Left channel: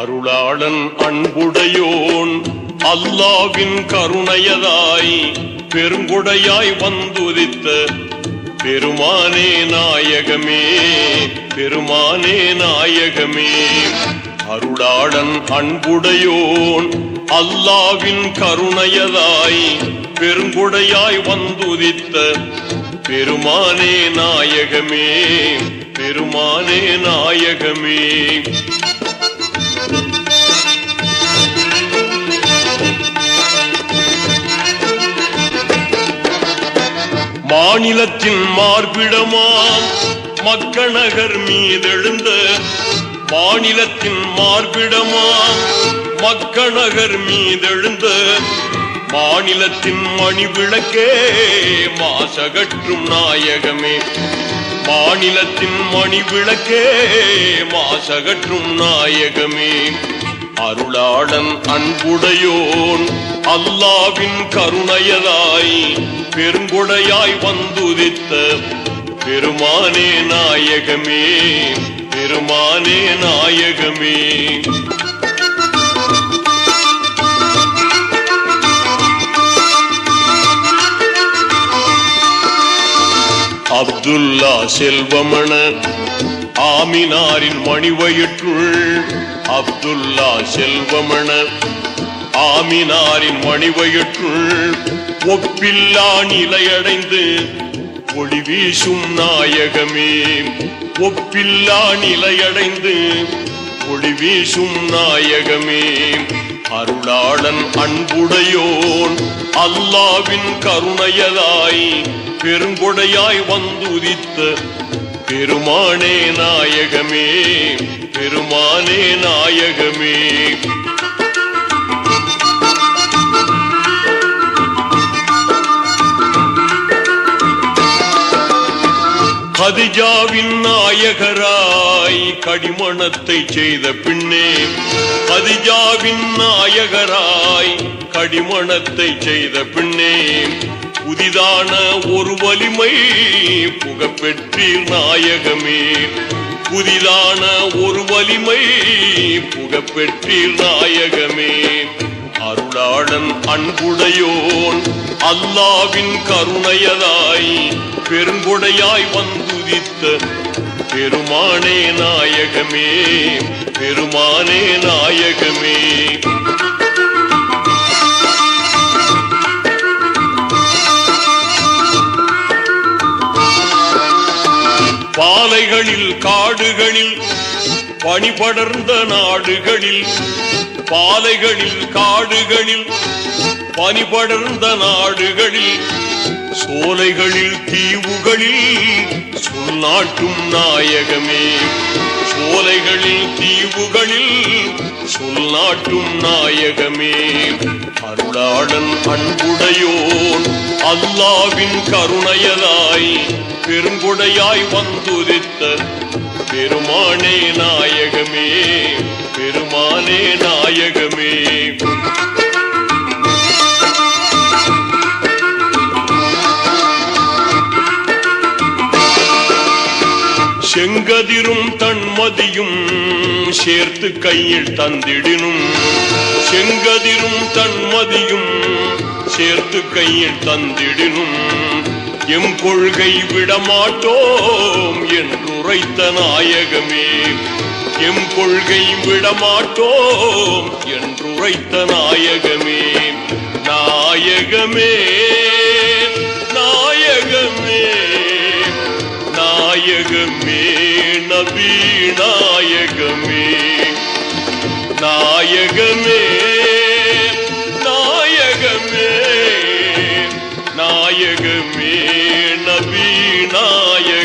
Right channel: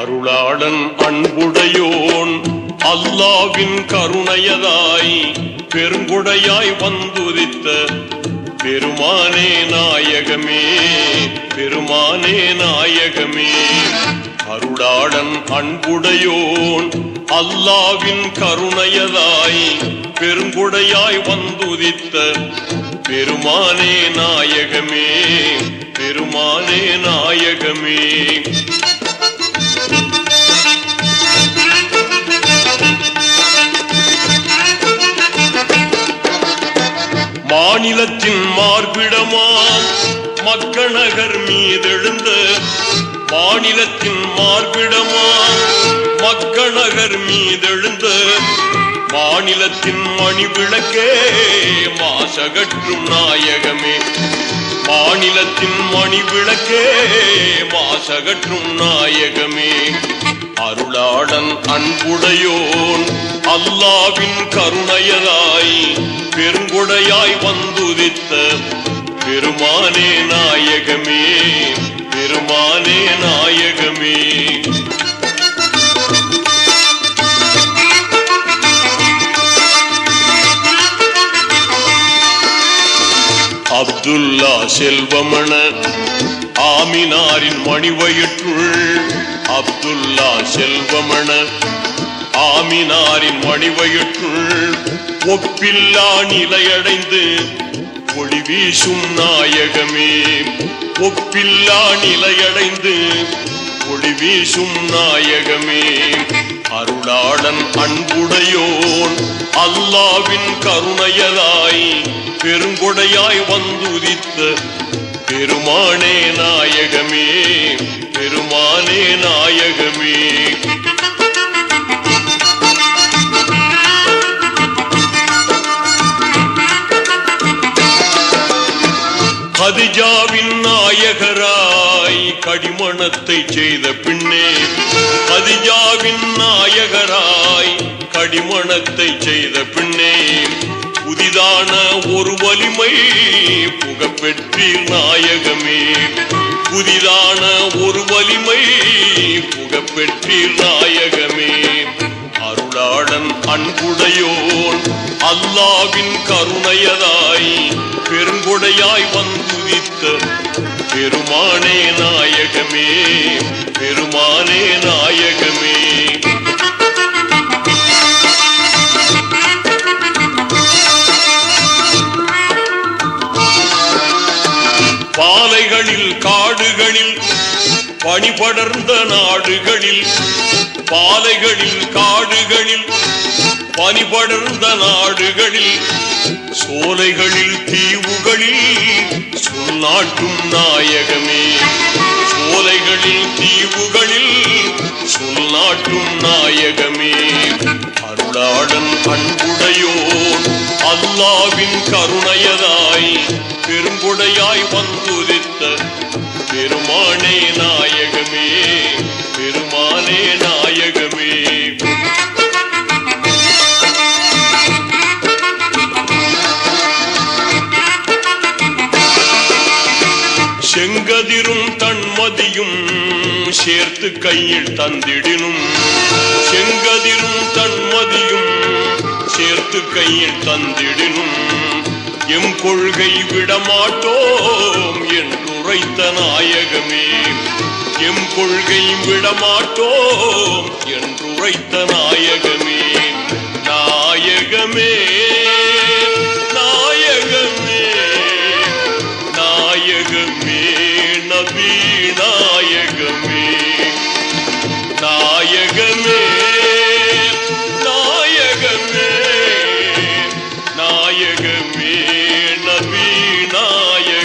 அருளாளன் அன்புடையோன் அல்லாவின் கருணையதாய் பெருங்குடையாய் வந்துதித்த பெருமானே நாயகமே, பெருமானே நாயகமே. அருளாளன் அன்புடையோன் அல்லாவின் கருணையதாய் பெருங்குடையாய் வந்துதித்த பெருமானே நாயகமே, பெருமானே நாயகமே. மாநிலத்தின் மார்பிடமாம் மக்கநகர் மீதெழுந்த, மாநிலத்தின் மார்பிடமாம் மக்கநகர் மீதெழுந்த மாநிலத்தின் மணிவிளக்கே மாசகற்றும் நாயகமே, மாநிலத்தின் மணிவிளக்கே மாசகற்றும் நாயகமே. அருளாளன் அன்புடையோன் அல்லாவின் கருணையதாய் பெருங்குடையாய் வந்துதித்த பெருமானே நாயகமே, பெருமானே நாயகமே. அப்துல்லா செல்வமண ஆமினாரின் மணிவயிற்றுள், அப்துல்லா செல்வமண ஆமினாரின் மணிவயிற்றுள் ஒப்பில்லா நிலையடைந்து ஒளி வீசும் நாயகமே, ஒப்பில்லா நிலையடைந்து ஒளி வீசும் நாயகமே. அருளாளன் அன்புடையோன் அல்லாவின் கருணையதாய் பெருங்கொடையாய் வந்துதித்த பெருமானே நாயகமே, பெருமானே நாயகமே. கதிஜாவின் நாயகராய் கடிமணத்தை செய்த பின்னே, கதிஜாவின் நாயகராய் கடிமணத்தை செய்த பின்னே புதிதான ஒரு வலிமை புகப்பெற்றீர் நாயகமே, புதிதான ஒரு வலிமை புகப்பெற்றீர் நாயகமே. அருளாளன் அன்புடையோன் அல்லாவின் கருணையதாய் பெருங்கொடையாய் வந்துதித்த பெருமானே நாயகமே, பெருமானே நாயகமே. பாலைகளில் காடுகளில் பனிபடர்ந்த நாடுகளில், பாலைகளில் காடுகளில் பனிபடர்ந்த நாடுகளில் சோலைகளில் தீவுகளில் சொல்லாட்டும் நாயகமே, சோலைகளில் தீவுகளில் சொல்லாட்டும் நாயகமே. அருளாளன் அன்புடையோன் அல்லாவின் கருணையதாய் பெருங்கொடையாய் வந்துதித்த பெருமானே நாயகமே, பெருமானே நாயகமே. செங்கதிரும் தன்மதியும் சேர்த்து கையில் தந்திடினும், செங்கதிரும் தன்மதியும் சேர்த்து கையில் தந்திடினும் எம் கொள்கை விடமாட்டோம் என்றுரைத்த நாயகமே, எம் கொள்கை விடமாட்டோம் என்றுரைத்த நாயகமே. நாயகமே நாயகமே நாயகமே நபி நாயகமே, நாயகமே நாயகமே நாயகமே நபி நாயகமே.